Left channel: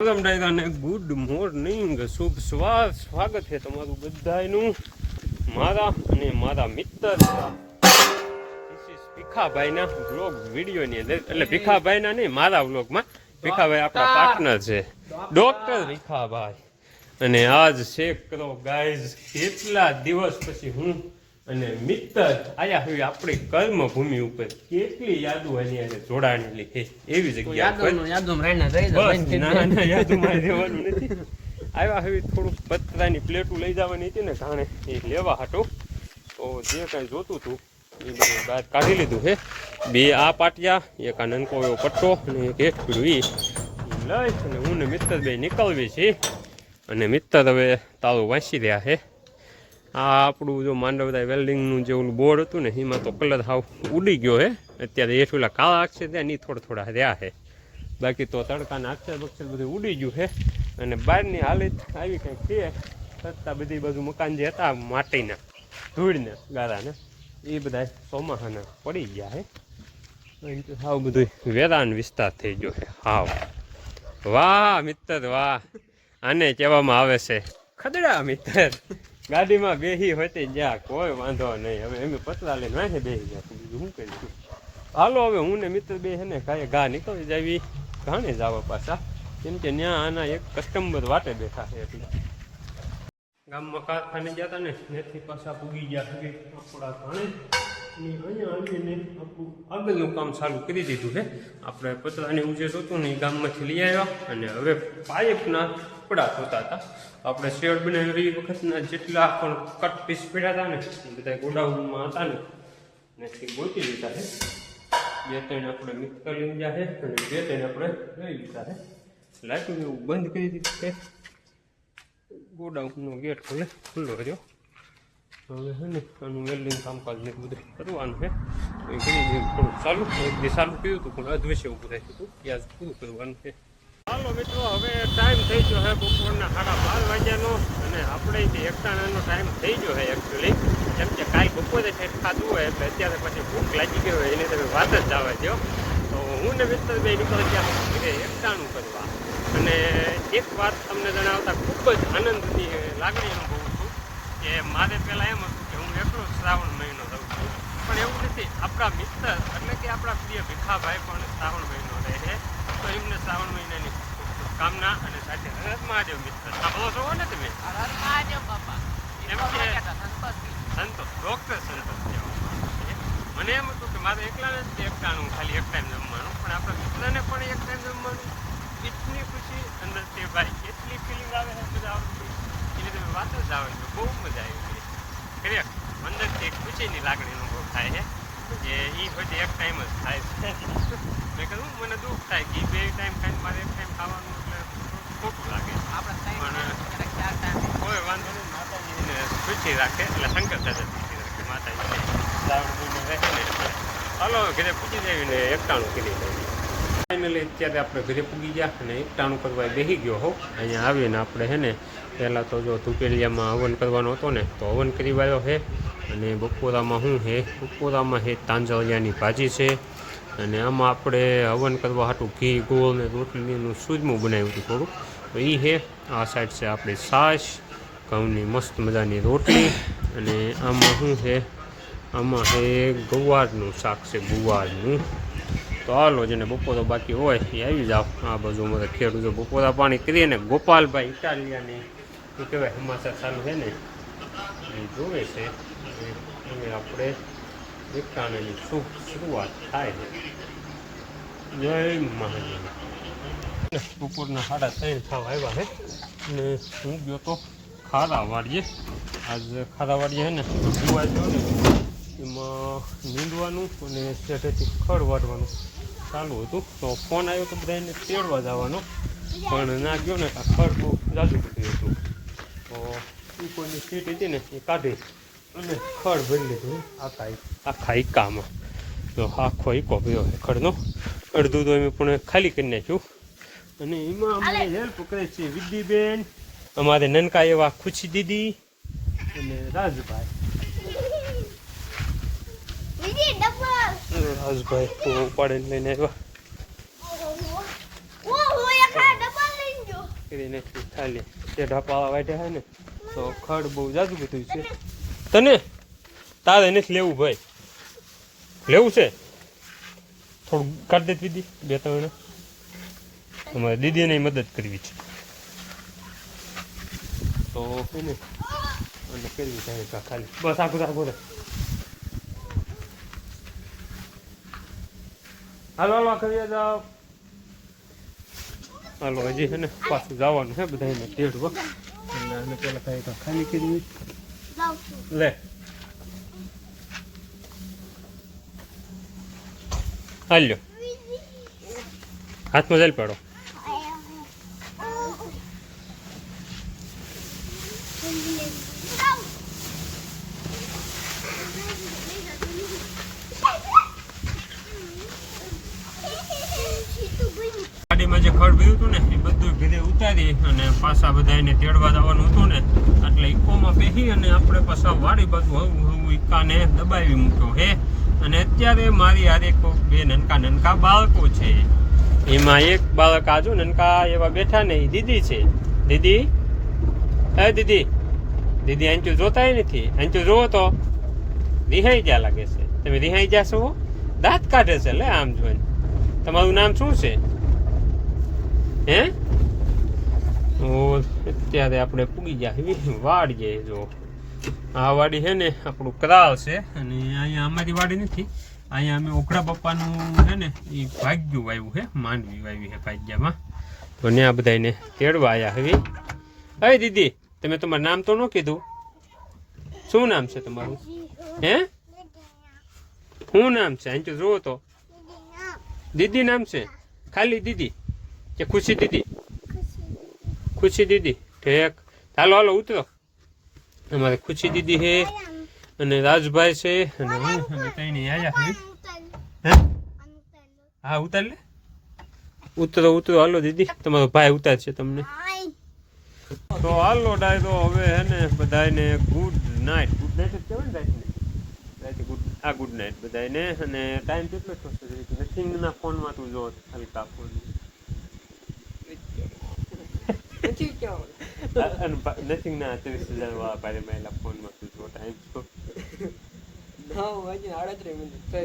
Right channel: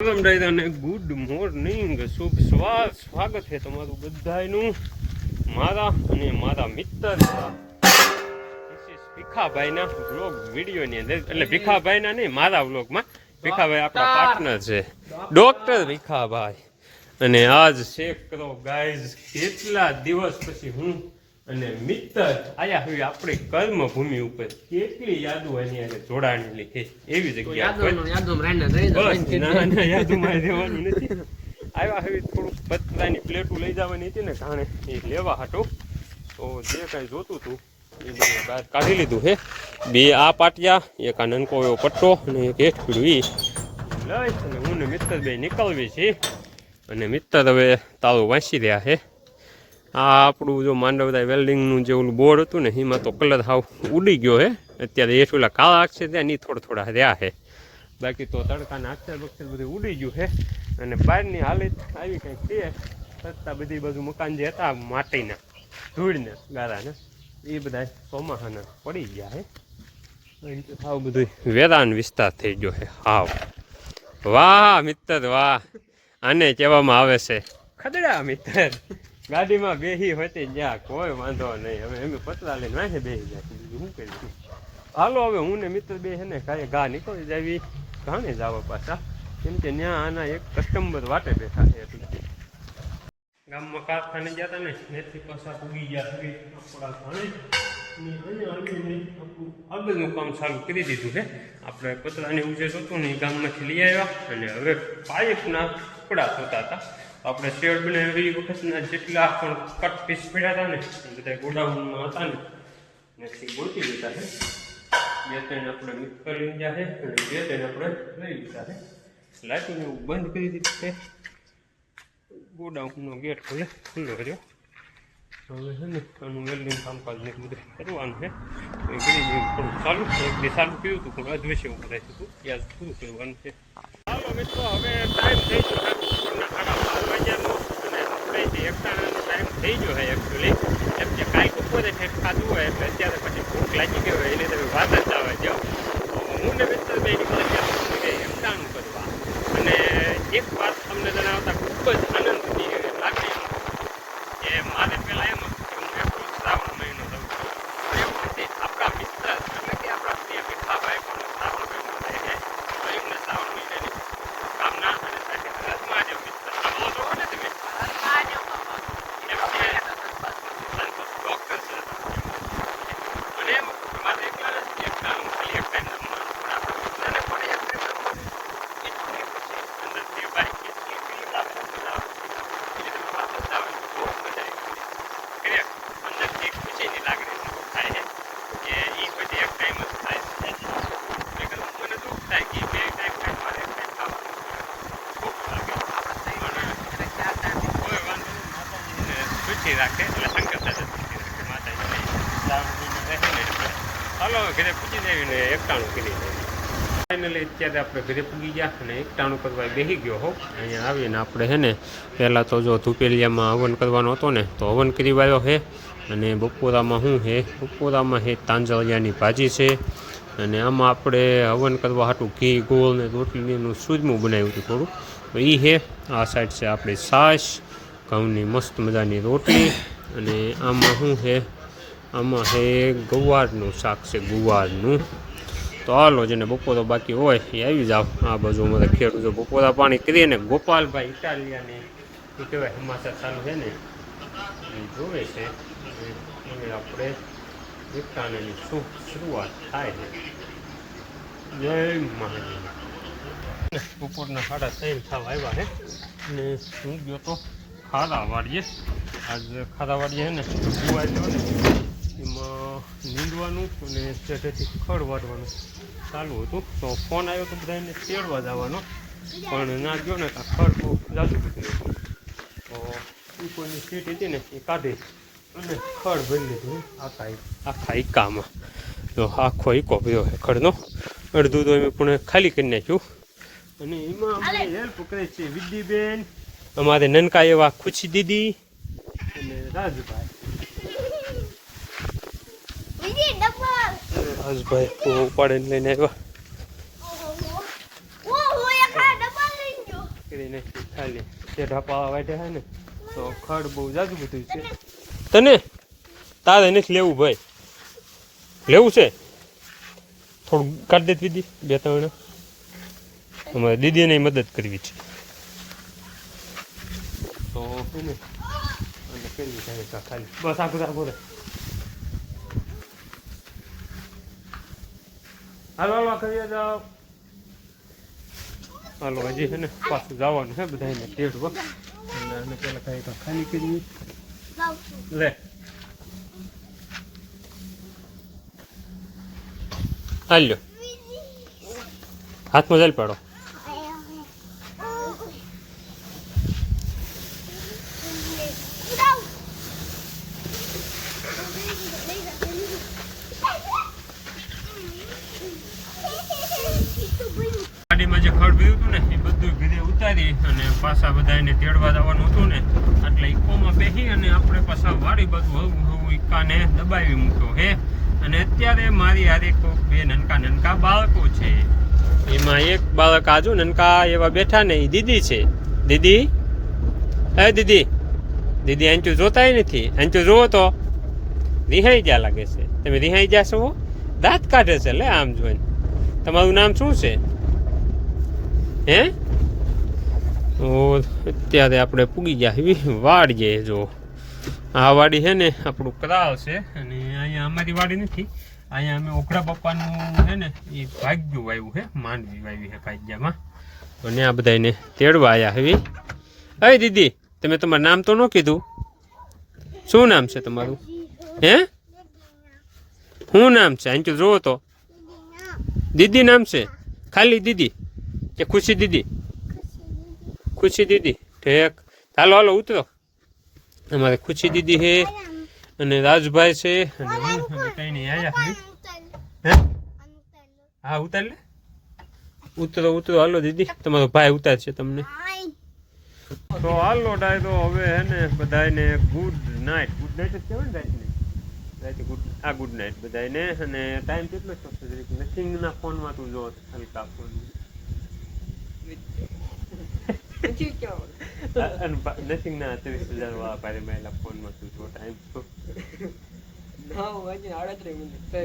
Welcome અને good morning શુભ સ્વાગત સ્વાગત છે તમારું બધાયનું. મારા અને મારા મિત્ર ભીખાભાઈના બ્લોગ વિડીયોની અંદર. એટલે ભીખાભાઈના નહીં મારા બ્લોગમાં ભીખાભાઈ આપણા પાર્ટનર છે. ડોક્ટર ભીખાભાઈ. અને આજ ચેક કરો ગાઈઝ કેટલા દિવસ પછી હું અને મિત્ર આયા હવે આપણી કર્મ ભૂમિ ઉપર કેટલી યાદો એની અને જોડાણેલી છે એવી જગ્યા નથી. આવ્યા હવે થોડુંક પતરાની પ્લેટો લઈ જવાની હતી ને જાણે એ લેવા હાટો. તો જે કાંઈ જોતું હતું એ બધું બહાર કાઢી લીધું છે બે આ પાટિયા એક આ નનકો એવો પટ્ટો અને એક એક પીડું ઈ ઈ લઈ અને હું ને મિત્ર બે નીકળવી છે. અને મિત્ર હવે તારું વાંચી રહ્યા છે. આ આપણું જો માંડવતા વેલ્ડિંગનું જે ઓલું બોર્ડ હતું ને, એમાં તો કલર હાવ ઉડી ગયો હે. અત્યારે એ પેલા કાળા અક્ષર ત્યાં ની થોડા થોડા રહ્યા છે બાકી તો તડકાના અક્ષર બક્ષર બધું ઉડી ગયું છે અને બહારની હાલત આવી કંઈક છે. છતાં બધી બધું મકાન જે હતા, માટીના, ધૂળને ગારાના, એ બધા ચોમાસાના પડી ગયા કારણ હાવ બધું વેરાન વિસ્તાર થઈ ગયો છે હાવ. વાહ મિત્ર વાહ. આને કહેવામાં આવે છે, ખદડા મિત્ર ગાડીમાં બેહી હોતી જ્યાં કોઈ વાંધો નહીં. હવે એમ પતરા લઈને વાંચે બેહી ગયા. બીજું શું કરીશું હાલો હવે, હું ને મિત્ર બે હેને કાંઈ ઘા નીકળી જાવી. ઘાણે જવા પાછા. કેમ કે ત્યાં આના એક કસ્ટમર વાટે બેઠા છે એટલે ગામમાં કારખાને હતા ને? ત્યાંથી પાછા પૂગી ગયા છે આપણા ઘાણે ને અહીંયા આવીને આગળનું કામ ચાલુ કરી દીધું છે. આપણે પતરાની એવું હતું ને એ ગામમાંથી લઈ આવ્યા અને હવે પાઇપના કપડા થતા હતા. આપણે શેડ બનાવી એ વખતના જેટલા પણ કટ પીસ પડ્યા હતા ને બધા ગોડાઉનમાં હતા ને મેથી ગોતી લીધા છે. બે ત્રણ આપણે મિક્સ કરી લીધા છે અને બે ત્રણ આપણે લઈ લીધા છે. લાઇટિંગ એવું બંધ કરી દીધું છે. ગોડાઉનનો ગેટ ખુલ્લે ખુલ્લો રહ્યો હવે છે ને આનું વેલ્ડિંગ કામકાજ ને બધું કરવાનું છે તો એ કરી મેં થોડું ચાલુ દી ચાલુ કર્યું હતું પણ અધવશ્ય ઉભું થાય હતું ત્યાં પૂરું કરવાનું છે હાલો મિત્રો હવે ટાઈમ થઈ ગયો છે બપોરના સાડા બાર વાગ્યાનો અને આપણે જે એકટાણાનો ટાઈમ થઈ ગયો છે એકચ્યુઅલી કેમ કે કાંઈ બપોરે કંઈક ખાધું હોય એટલે અત્યારે પછી ભૂખ લાગી ગઈ હોય એની તમે વાત જ આવે છે તો હું ને મિત્ર બે નીકળે ત્યારે એકટાણું કરવા અને એક વાત તમને જણાવતા ખૂબ જ આનંદની લાગણી અનુભવું છું કે મારે પહેલાં એમ હતું કે હું એટલું શ્રાવણ મહિનો રહું છું. પણ એવું નથી આપણા મિત્ર એટલે કે આપણા પ્રિય ભીખાભાઈ પણ શ્રાવણ મહિનો રહે છે તો એમને શ્રાવણ મહિનાની કામના અને સાથે હરત મહાદેવ મિત્ર સાંભળો છો ને તમે એમ કે સંતોષ ડોક્ટર છે મને એમ હતું કે મારે એકલા જ એકલાનું ખાલી એક ટાઈમ આપવાનું પણ આપણા મિત્રને પણ એક ટાઈમ રમવાનું એટલી ખુશી અંદરથી ભાઈ કેટલી ફીલિંગ આવે ને feel આવે છે. એટલે તમે વાપસ આવે તો બહુ મજા આવી જાય. ખરેખર અંદરથી એક ખુશીની લાગણી અનુભવ થાય છે કે એ પછી એક ટાઈમ જ થાય છે એટલે કે મને દુઃખ થાય કે બે ટાઈમ થાય મારે એક ટાઈમ ખાવાનું દુઃખ લાગે કોઈ વાંધો નહીં ખુશી રાખે એટલે એટલે હાલો ઘરે પૂછી જાય ને એકટાણું કરી ફાઇનલી અત્યારે આપણે ઘરે પૂગી ગયા અને એકટાણું કરવા બેસી ગયો હો. અહીંયા આવીને આપણે હે ને, પહેલાં તો જો ધુપેલિયામાં હવન કરવાનો હતો ને, તો હવન કરી વાળ્યો છે. અને બપોરામાં શું છે? બપોરામાં છે તાંજળિયાની ભાજી છે. અને આમાં આપણે હવન કરવા હાટું ઘી, ગોળ ને રોટલીનું સૂજમું બનાવ્યું હતું થોડું તો એ છે, આ સાઈડ છે આપણી છાશ ઘઉંની મસ્ત મજાની રોટલી અને આમાં શું છે? આમાં છે ગુવારનું શાક છે, ગુવારનું. તો હાલો, જેને બપોરો બાકી હોય એ આવી જાઓ. આ બાજુ અમારે ખેડૂત બપોરા પાણી કરીએ ને ગોપાલભાઈ ઇટાલિયાને, શું કહેવાય સમાચાર ચાલુ છે ને, એ જોવે છે. અને આપણે એકતાણાની શું શરૂઆત થાય છે. જય મહાદેવ. બપોરના સાડા ત્રણ થવા આવ્યા છે. અને હું ગયો તો ખારા વાળીએ આજ ખારા વાળીએ છે ને ગયો ને એમાં નીંદવાનું અને શેઠેથી ખડ વાળવાનું ચાલુ હતું. તો ફોન આવ્યો તો બધાને તેડવા જવાનો પણ ના ગયો ને આ ખડ બહુ જાજુ બધું હતું. તો એ કોઈની સીટ હતી ને એ કાઢી અને ખડ ભરી લીધું આખા આખા ઈકામાં. તો આખો ઈકો ભર્યો છે ખડનો. અડધું તો એમ પણ ખાલી કરી નાખ્યું. અને એમાં અમને હેલ્પ કરે છે વિદ્યબેન. અમારે નનકા એવા ખુશી દીદી. અને રાજભાઈ. રાજભાઈ ઉપાડીને લઈને આવ્યા. ઓ હું એક વાર ડબ્બા લઈને ખાલી તે ઢાપા વાટે હે ને તો ખડ બહુ જાજુ બધું છે. તને? તારે નથી લેવું ભાઈ. લેવું છે? થોડું કાઢી દે દીદી બે ત્રણ. અમારે દીદીને મદદ કરવી છે. તો છે ને? અને કરવી છે કા ખાલી? બસ આખું આગળ હાલો હાલો કરીએ જાઓ. હાલો હજી છે ને? પાછું જવાનું છે બધાને તેડવા એટલે આને પેલા કાંઈ તો ખાલી કરી લે. હાલ્યો. હાથમાં જલ પાડો. ગાડીમાં જે ખડ ભર્યું હતું ને, એ બધું ભીડે ઉતારી અને પાછા બધા એને તેડવા જવાનું હતું ને, એટલે ઇકોમાં બેસી અને આપણે પાછા વાડી બધું હવું હવું ઈકાને દબાવી મૂક્યો હે. અને અત્યારે મારી હારે કોક બે નનકા નનકા બાળકો છે. એમાં એક બાળક આજુ નનકા એવા બેઠા ને એ દીદી છે. દીદી? હે દીદી? દીદી આંચું જોતાય નથી. આંચું જોવો તો. રિહાઈ ગયા લાગે છે. તમે રિહાઈ ગયા છો? દાંત કાઢે છે લે આમ જોઈને. તમારું નામ શું છે? હે? અત્યારે આપણે પૂગી ગયા એવી જે જો. આ વાડી છે ને, આપણું કરાવ છે. અને અહીંયા અમારી વાડી નથી. અહીંયા અમે ઓખડા પપ્પાનું છે ને એ ભાગ્યું વાવ્યું છે, માંડવી વાવી છે ભાગ્યામાં. તો ને આ બધાને તેડવા આવ્યા હવે અરે દીદી, તમે તમારું નામ તો ન કીધું? શું નામ છે તમારું? હે? શું નામ છે? અહીં જોવો તો. દીદી નામ છે? ખાલી દીદી. કે ખુશી દીદી? ખુશી દીદી. ઠેક. હાલો હાલો ઉતરો. અમારે ખુશી દીદી છે અને રાજભાઈ છે અને હું. અને કઈ નહીં આયા હે? હા? ઉતાર લે. ઉતરો ઉતરો. હાલો દીદી. તમારો ભાઈ ઉતારશે તમને. તો હાલો ડાયરો હવે હે ને બધાને ગુડ નાઇટ ગુડ નાઇટ જ કહેવાય ને રાતને. રાતે ગુડ આ ગુડ નાઇટ બધાને અને ટાઈમ કેટલો થશે? નથિંગના ફોનમાં તું જો હલકા ફોન અને ના ત્રીસ હજાર વાળા પાડે મેલા ફોનમાં જો ટાઈમ છો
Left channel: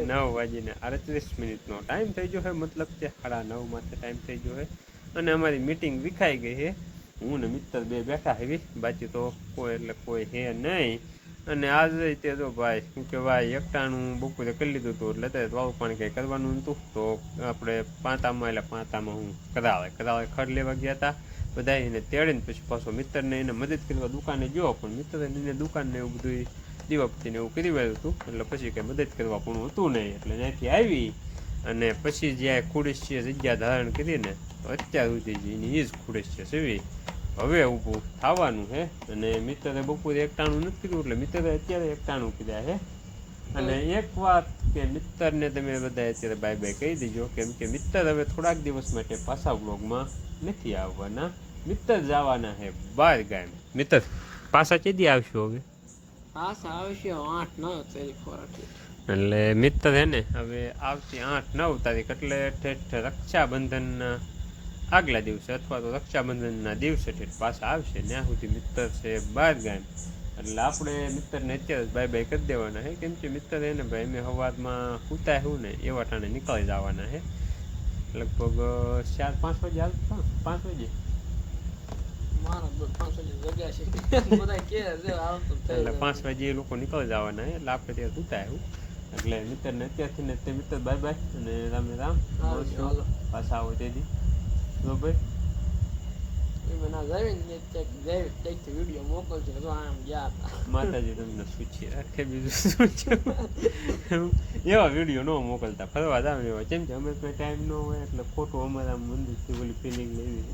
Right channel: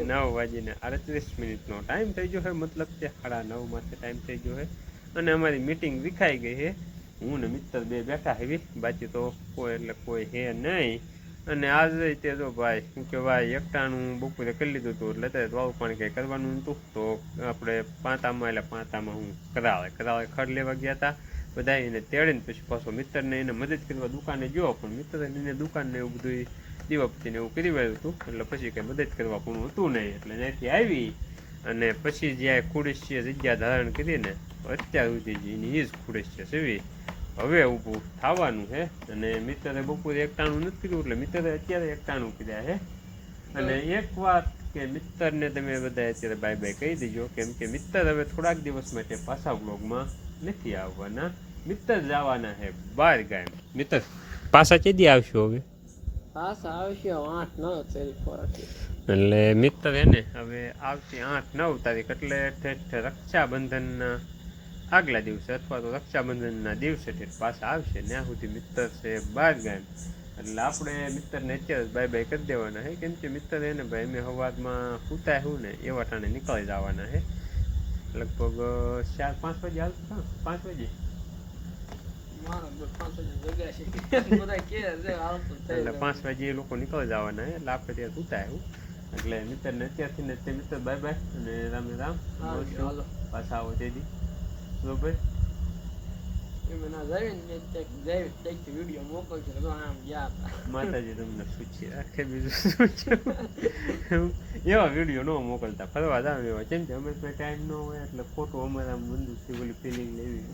નવ વાગીને આડત્રીસ મિનિટનો ટાઈમ થઈ ગયો છે મતલબ કે સાડા નવ માટે ટાઈમ થઈ ગયો છે અને અમારી મીટિંગ વિખાઈ ગઈ છે હું ને મિત્ર બે બેઠા હેવી બાકી તો કોઈ એટલે કોઈ હે નહીં અને આજે તે જો ભાઈ શું કહેવાય એકટાણું બપોરે કરી લીધું હતું એટલે અત્યારે વાળું પાણી કંઈ કરવાનું નહોતું તો આપણે પાંતામાં એટલે પાંતામાં હું કરાવે કરાવે ખડ લેવા ગયા હતા બધા એને તેડીને પછી પાછો મિત્રને એને મદદ કરવા દુકાને ગયો, પણ મિત્રને એને દુકાનને એવું બધું દીવાપતિને એવું કરી વાળ્યું હતું. એટલે પછી કંઈ મદદ કરવા પણ હતું નહીં. એટલે ત્યાંથી આવી અને પછી જ્યાં ખુડેશીએ જગ્યા ધારણ કરીને અત્યાર સુધી એની એ જ ખુડેશીએ સેવી. હવે ઊભું થવાનું છે અને મિત્રે બપોરે એકટાણું નથી કર્યું, એટલે મિત્રે અત્યારે એકટાણું કર્યા છે અને એક વાત કે મિત્રને તમે બધા અત્યારે બાય બાય કહી દેજો કેમ કે મિત્ર હવે થોડાક દિવસ માટે પાછા વ્લોગમાં નથી આવવાના. મિત્ર જવાના છે બાર ગામ. મિત્ર પાછા કેદી આવશો હવે? પાછા આવશે આઠ નવ તારીખ એટલે મિત્ર હે ને હવે આવતી આઠ નવ તારીખ એટલે ઠેઠ રક્ષાબંધનના આગલા દિવસે અથવા તો રક્ષાબંધનના દિવસે ઠેઠ પાછા આવશે. ત્યાં સુધી મિત્ર છે બાર ગામ. એટલે આપણે મિત્ર નેચર બાય બાય કરી દેવાના છે કેમ કે મિત્ર એને ભાઈ અમે હવાદમાં સૂતા હું ને એવા ટાણે નીકળી જવાના છે લગભગ ચાર પાંચ વાગે હાલ પાંચ વાગે? એટલે પાંચ વાગે એ લોકો નીકળી જવાના છે એટલે આપણે ત્યાં સૂતા હું એટલે મિત્રને અત્યારથી ને તે મિત્ર બાય બાય અને રામે રામ. પાછા આવો તેથી. બરોબર? એમાં ના ને તો વીડિયો મોકલશે તો આમ ગયા માતાજી તમને પૂછી રાખે બીજું શું છે એવા વીડિયો ન મોકલતા ફરવા એવા કેમ કે અમે કોઈ ટાઈમ ન હોય એટલે ખોટું અમારા મંદિરથી ઓલી ફિલિંગ લેવી.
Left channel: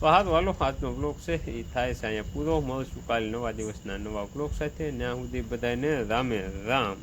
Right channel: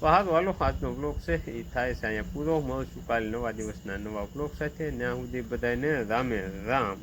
તો હાલો હાલો આજનો બ્લોગ છે એ થાય છે અહીંયા પૂરો મળશું કાલે નવા દિવસના નવા બ્લોગ સાથે ત્યાં સુધી બધાને રામે રામ